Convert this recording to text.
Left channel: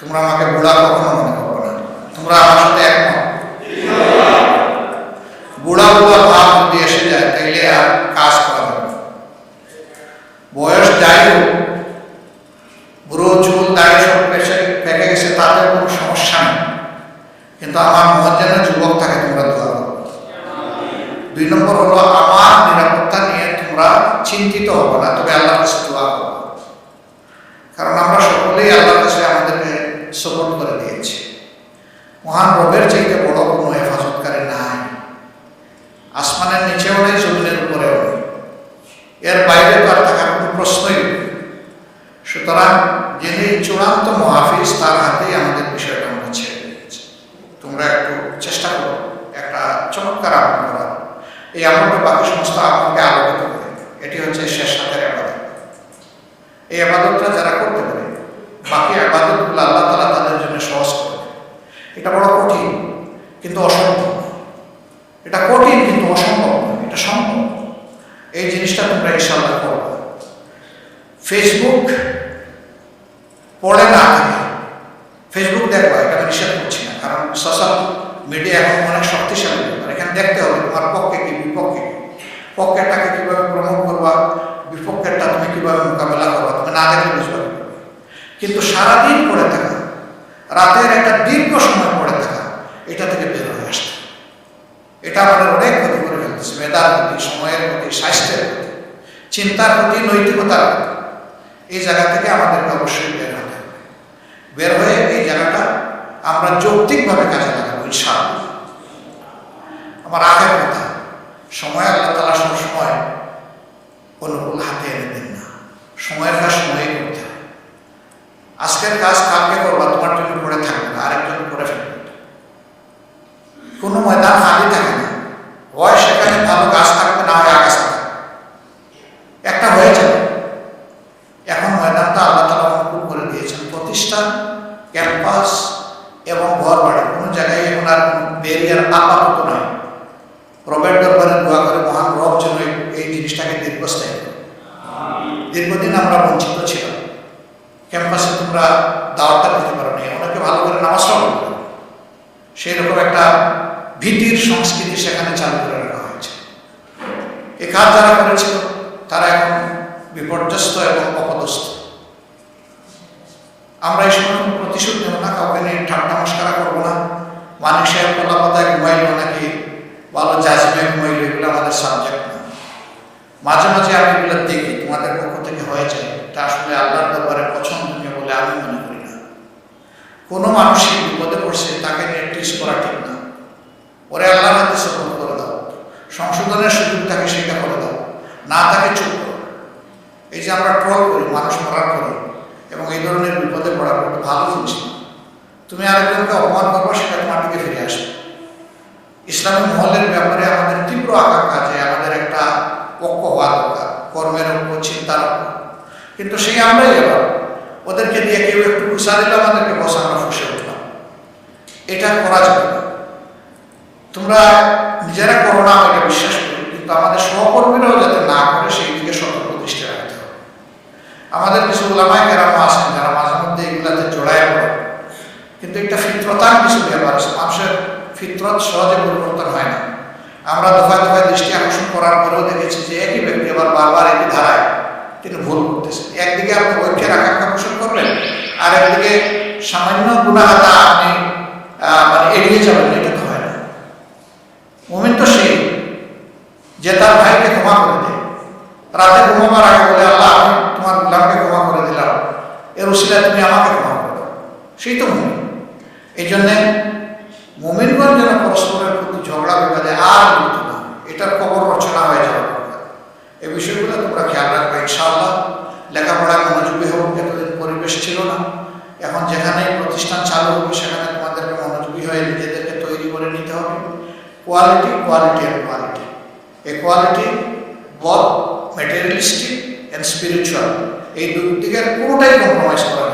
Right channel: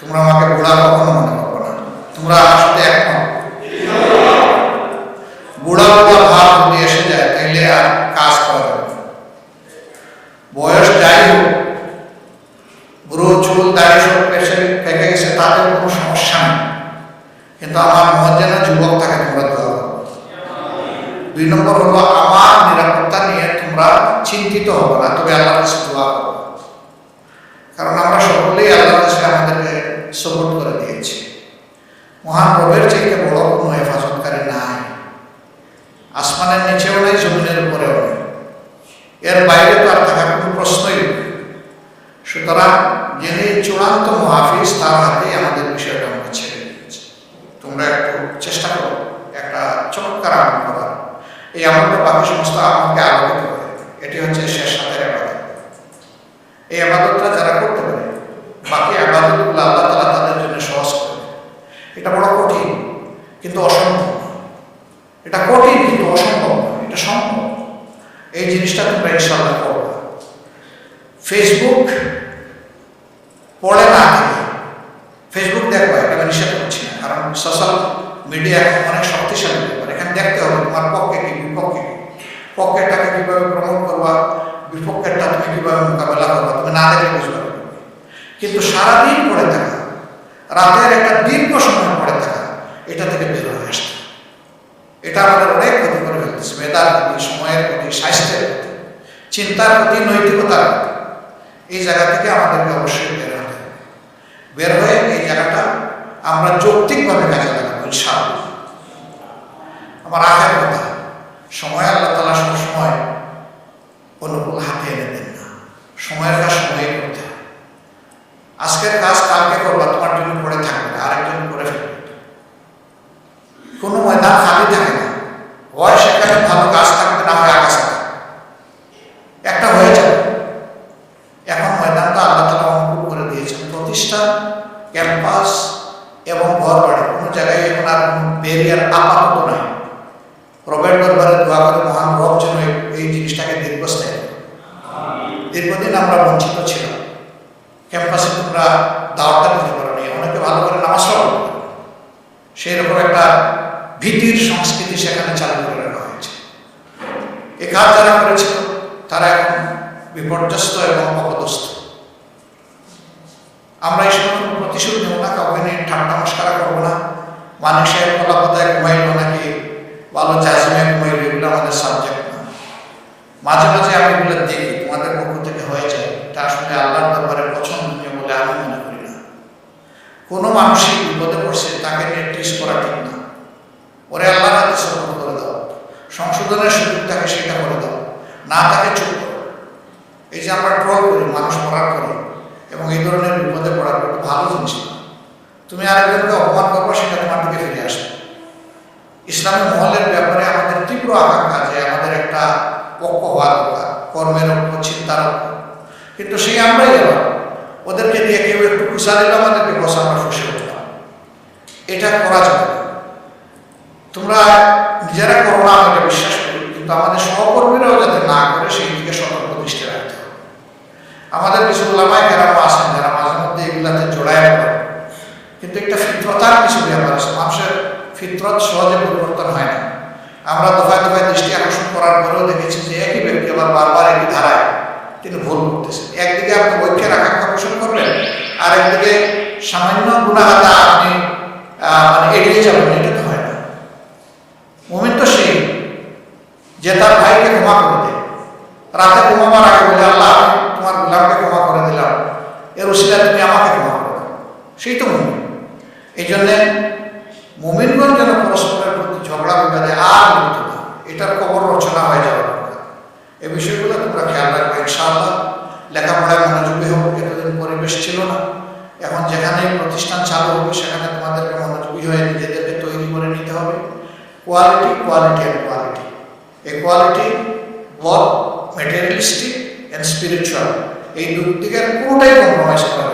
তোমরা আমাকে বুড়া কখনো মনে করবো না, তোমরা আমার সাথে একমত। বুড়া বুড়া ভাব যদি এসে যায় তাইলে আর কাজ করা যাবে না। বয়স যাই হোক, বুড়ো চুল দাড়ি সব পেকে গেছে, তাতেও কোনো সমস্যা নেই, কিন্তু আমার মন যেন যুবক থাকে, তোমরা দোয়া করো। 2 নম্বর হলো আমার নিরাপত্তা নিয়ে তোমরা চিন্তিত হবে না, তবে আল্লাহর কাছে দোয়া করো, কারণ আমরা সকলেই আল্লাহর কাছে আমাদেরকে সাপোর্ট করে দিয়েছি। মহান রবের চাইতে বড় কোনো হেফাজতকারী নাই, আসমানের নিচেও নাই, জমিনের উপরেও নেই, এর বাইরে তো আর থাকার কোনো প্রশ্নই নেই। সুতরাং যিনি চূড়ান্ত মহাফিজ, তার হাতেই আমাদের বিষয়টা আমরা ছেড়ে দিয়েছি। তোমরা একটু চেষ্টা করো একটা চমৎকার আমল করার। এই আমলটা বাকি সমস্ত আমলকে আলোকিত করে। এটি হচ্ছে শেষ হাতের আবাদত। এই আবাদতটা যারা করতে পারে, বাকি আবাদতগুলো আল্লাহ তাআলা তাদের জন্য সহজ করে দেয়। এটা বড় কঠিন কিন্তু অসম্ভব, এটা কঠিন কিন্তু অসম্ভব নয়, এটা সম্ভব। এই জিনিসটা তোমরা ইনশাআল্লাহ করবে। ফেসবুক পড়ে না থাকে, ফেসবুক দেখো, এটা আমি নিষেধ করছি না, কারণ সোশ্যাল মিডিয়া এখন অনেক শক্তিশালী ব্যাপার। এখানে দেখতে হবে তোমার পক্ষে কি বিপক্ষে কি, পক্ষেরটাকে কিভাবে প্রমোট করবা, বিপক্ষেরটা তুমি কিভাবে মোকাবেলা করবা, তুমি না দেখলে বুঝবা কিভাবে। কিন্তু সারাদিন পড়ে থাকা, রাতের একটা দীর্ঘ সময় পড়ে থাকা, এটা থেকে বের হয়ে আসতে, এটা আমাদের অনেক ক্ষতি করে ফেলতেছে। মেধার ক্ষতি, সময়ের ক্ষতি, স্বাস্থ্যের ক্ষতি, চিন্তার ক্ষতি, নৈতিকতার ক্ষতি। এই জায়গা থেকে আমাদেরকে অবশ্যই বের হতে হবে। বের হয়ে এই জায়গাটা আমরা যৌক্তিকভাবে কাজে লাগাবো ইনশাআল্লাহ। আমার আখের কথা, সময় আল্লাহ তাআলা সবসময় অনুকূল হাতে এনে দেন না, সময়ের কাজ সময়ে করতে হয়। আজকের কাজ কালকে করবা, তোমার জন্য পড়ে থাকবে না, আরেকজন করে ফেলবে। কোনো ময়দান খালি থাকে না, হয় সেখানে ভালো গাছ থাকবে, না হয় আগাছা থাকবে, একটা হয়ে যাবে। এখন ময়দানটা আল্লাহ তাআলা অনুকূল করে দিয়েছেন। প্রতিষ্ঠান, ক্যাম্পাস এবং ঘর বাড়ি, কোনো জায়গায় এখন আর কোনো ব্যারিয়ার আপাতত নাই। রবের দরবারে দোয়া করে মহান রব যেন এই জিনিসটাকে দীর্ঘস্থায়ী করে। দীর্ঘদিন আমরা বঞ্চিত ছিলাম, ক্যাম্পাসে তোমরা দাওয়াতটা দিতে পারো নি, অনেকে ভালো করে নামাজটাও পড়তে পারো, সেই রকম একটা ভীতির সংস্কৃতি সেখানে চালু করে রাখা হয়েছে। এ কাজ যারা করেছিল তারা এখন বিপর্যস্ত এবং অপদস্থ। আমরা এই সময় কোনো প্রতিশোধ নেব না, কাউকে নিয়ে ঠাট্টা মস্করা করবো না। মানিক সাহেব কলাপাতায় ঘুমাইল নাকি ভালো জাজিমে ঘুমাইল, এগুলো আমাদের সাবজেক্ট না। মাঝে মাঝে আমি এগুলো দেখি, তোমাদের পক্ষ থেকে হয়ে যায়, এটা আসলে আল্লাহর দরবারে পছন্দনীয় বলে আমি মনে করি না। কোনো মানুষই বিপদে পড়ছে, তাকে নিয়ে টিস করা ঠিক না। ওরে আল্লাহর হাতে সফল করে দাও, সংশোধনের সুযোগ থাকে সেটা করে দাও, না তাকে চুপ করো। এই যে আমরা ট্রল করি, মানুষ মরার করি এবং এই ধরনের বিপদে পড়ার পর ভালো জিনিস না। তুমি আরেকজনকে অপমান করবো, সেটা তোমার দিকে ফিরে আসবে। ইসলামী মহলের ব্যাপারে আমাদের তীব্র আকাঙ্ক্ষা যে আমাদের একটা ঐক্য হওয়া দরকার, কর্মের ঐক্য, চিন্তার ঐক্য। কিন্তু সেই আমরাই আবার ওদেরকে দিয়ে কেউ একটু খুশা দিল, আমাদেরকে বসে আমরা ফুসে উঠলাম। এটা করা যাবে না। তোমরা নিজেরা করো না, আমি এটা বিশ্বাস করি, কিন্তু আমাদের সহকর্মীরাও যাতে না করে সেই দিকে সতর্ক দৃষ্টি রাখতে হবে। আমাদের কিছু ওলামায়ে কেরাম আছেন যারা মাঝে মধ্যে এগুলাতে জড়ায় পড়ে, কিন্তু একটা ফিতরতার কিছু ব্যাপার আছে। মানুষের ফিতরত সহজে পরিবর্তন হয় না। আমরা দফায় দফায় দৃষ্টি আকর্ষণ করার পরেও দেখেছি যে একই ব্যক্তি আবার বারবার একই ধারায় তিনি ভুল করতেছেন। একদিকে আপনি ঐক্যের আকাঙ্ক্ষা পোষণ করবেন, আর একদিকে সামান্য গুনাহাটা আপনি এড়িয়ে যাবেন, এটা তো হয় না। মুমিন তো সেই যে তার ভাইকে ক্ষমা করে দেয়, রাতে ঘুমাবার আগে বলে আল্লাহ আমি তোমার গোলামকে ক্ষমা করে দিলাম, এর উসিলায় তুমি আমাকে ক্ষমা করে দাও, সেই তো মুমিন। এই জন্যে মুমিনগণ যেন পরস্পরের প্রতি ঝগড়া বিবাদে আর লিপ্ত না, এটার কবর রচনা হয়ে যাওয়া দরকার। এই বিষয়গুলো তোমরা খেয়াল রাখবে ইনশাআল্লাহ। লেখাপড়ায় মনোযোগী হোক, এতদিন পরিবেশ ছিল না, এখন যেখানে প্রতিষ্ঠান চালু হবে সেখানে তোমাদেরকে মনোযোগী হয়ে নিজেদেরকে তৈরি করে নিতে হবে। Quality, quality and quality. এই quality both materialistic and spiritual, এই দিকের কোনোটাই কম্প্রোমাইজ করা